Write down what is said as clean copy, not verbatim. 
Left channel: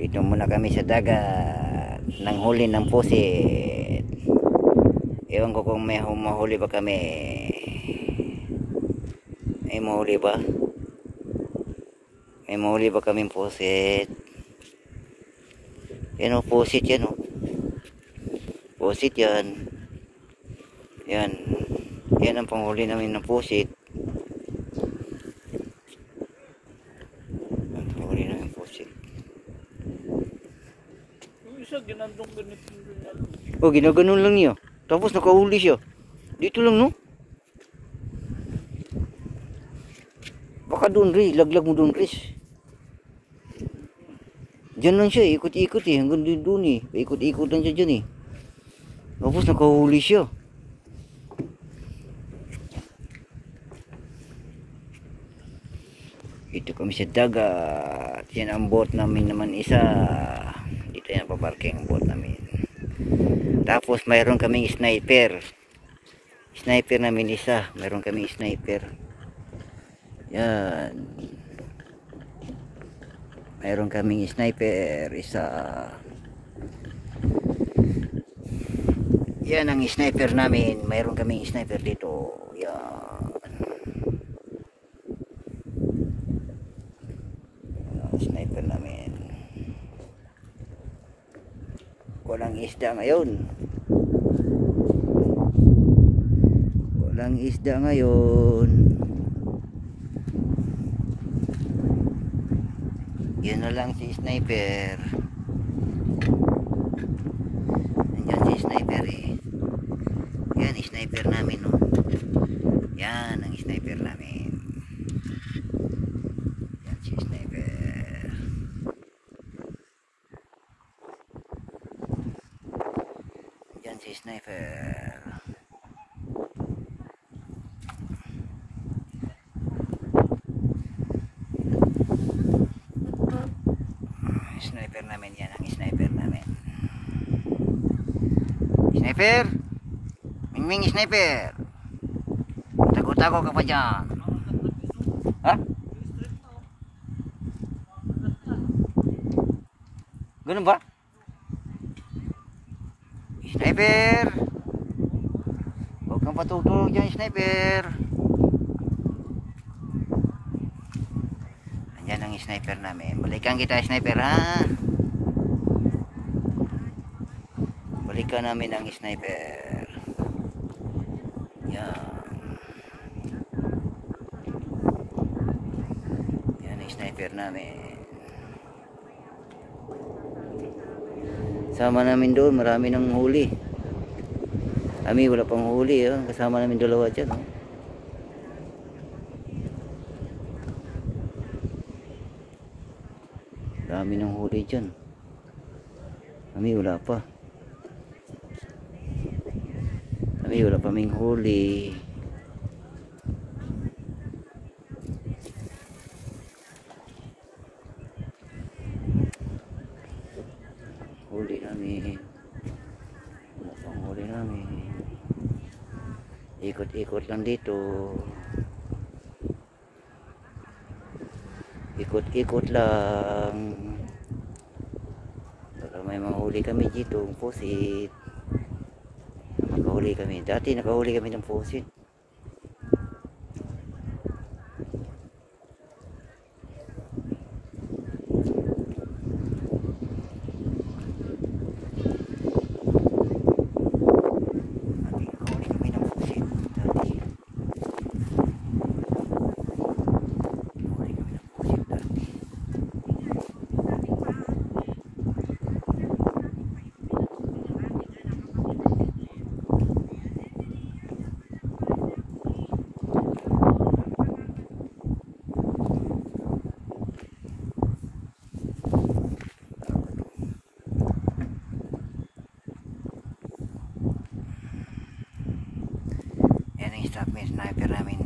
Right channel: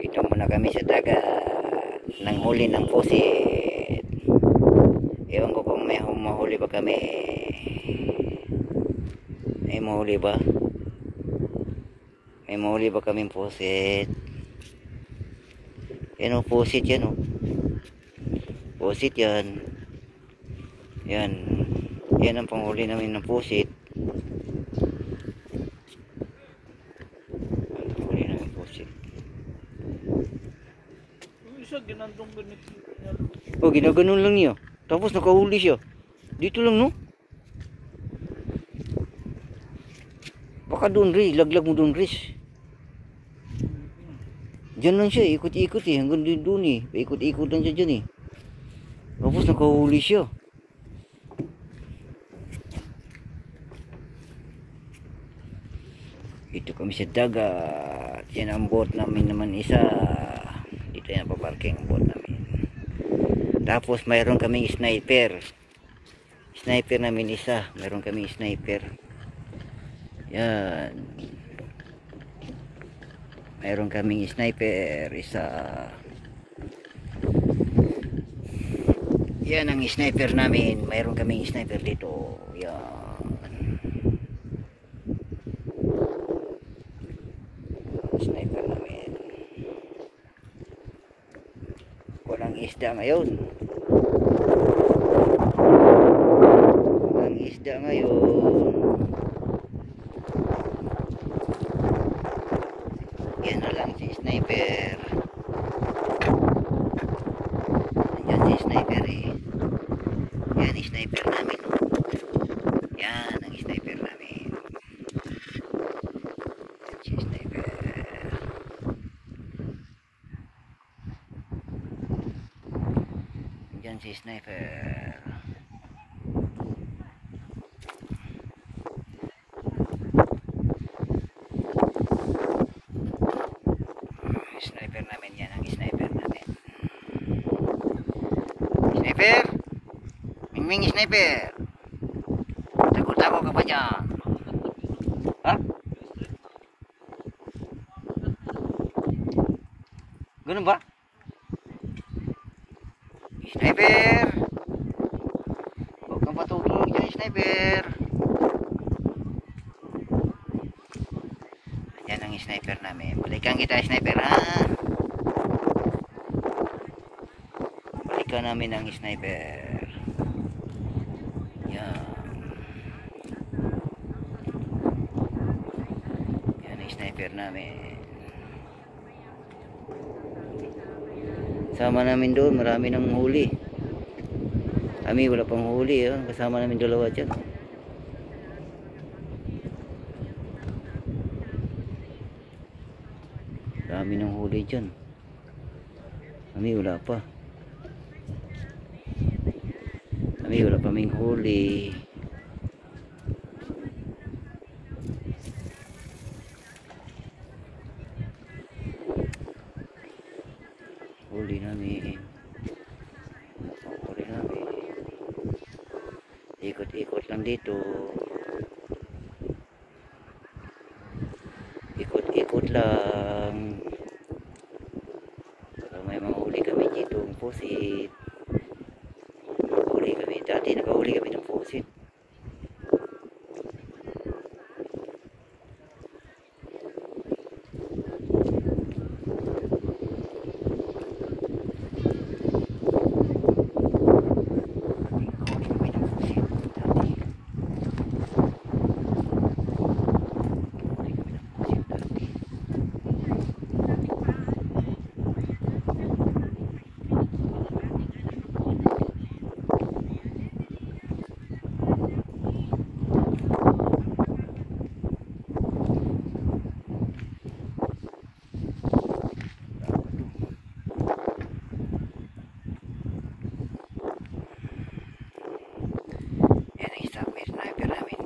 Dito muna kami sa dagat nang huli ng pusit. Ewan ko kung may mahuli ba kami. May mahuli ba? May mahuli ba kaming pusit? Yan o, pusit yan o. Pusit yan. Yan. Yan ang panghuli namin ng pusit. Ang panghuli namin ng pusit. Isa ginandong ganito. Oh, ginaganon lang niya. Tapos nakahuli siya. Dito lang, no? Baka doon, Riz. Laglag mo doon, Riz. Diyan lang siya. Ikot-ikot eh. Hanggang doon eh. Ikot-ikot lang siya dyan eh. Tapos nakahuli siya. Dito kami sa dagat. Yan ang boat namin naman isa. Dito yan paparking ang boat namin. Tapos mayroon kaming sniper. Sniper namin isa. Mayroon kaming sniper. Yan. Mayroon kaming sniper isa. Yan ang sniper namin. Mayroon kaming sniper dito. Yan. Sniper namin. Walang isda ngayon. Walang isda ngayon. Yan na lang si sniper. Nandiyan si sniper eh. Yan ang sniper namin oh. Yan ang sniper namin. Yan si sniper. Yan si sniper. Sniper namin yan ang sniper namin. Sniper! Mingming sniper! Takot-takot ka pa dyan. Ha? Ganun ba? Sniper! Huwag kang patutulog dyan, sniper! Yan ang sniper namin. Balikan kita, sniper, ha? Balikan namin ang sniper. Yan. Yan ang sniper namin. Kasama namin doon, marami nang huli. Kami wala pang huli, oh. Kasama namin dalawa dyan, oh. Dami ng huli dyan. Kami wala pa. Kami wala pa kaming huli. Huli namin. Wala pang huli namin. Ikot-ikot lang dito. Ikot-ikot lang. Baka may mahuli kami dito ng pusit. Nakahuli kami. Dati nakahuli kami ng pusit. Yan ang sniper namin.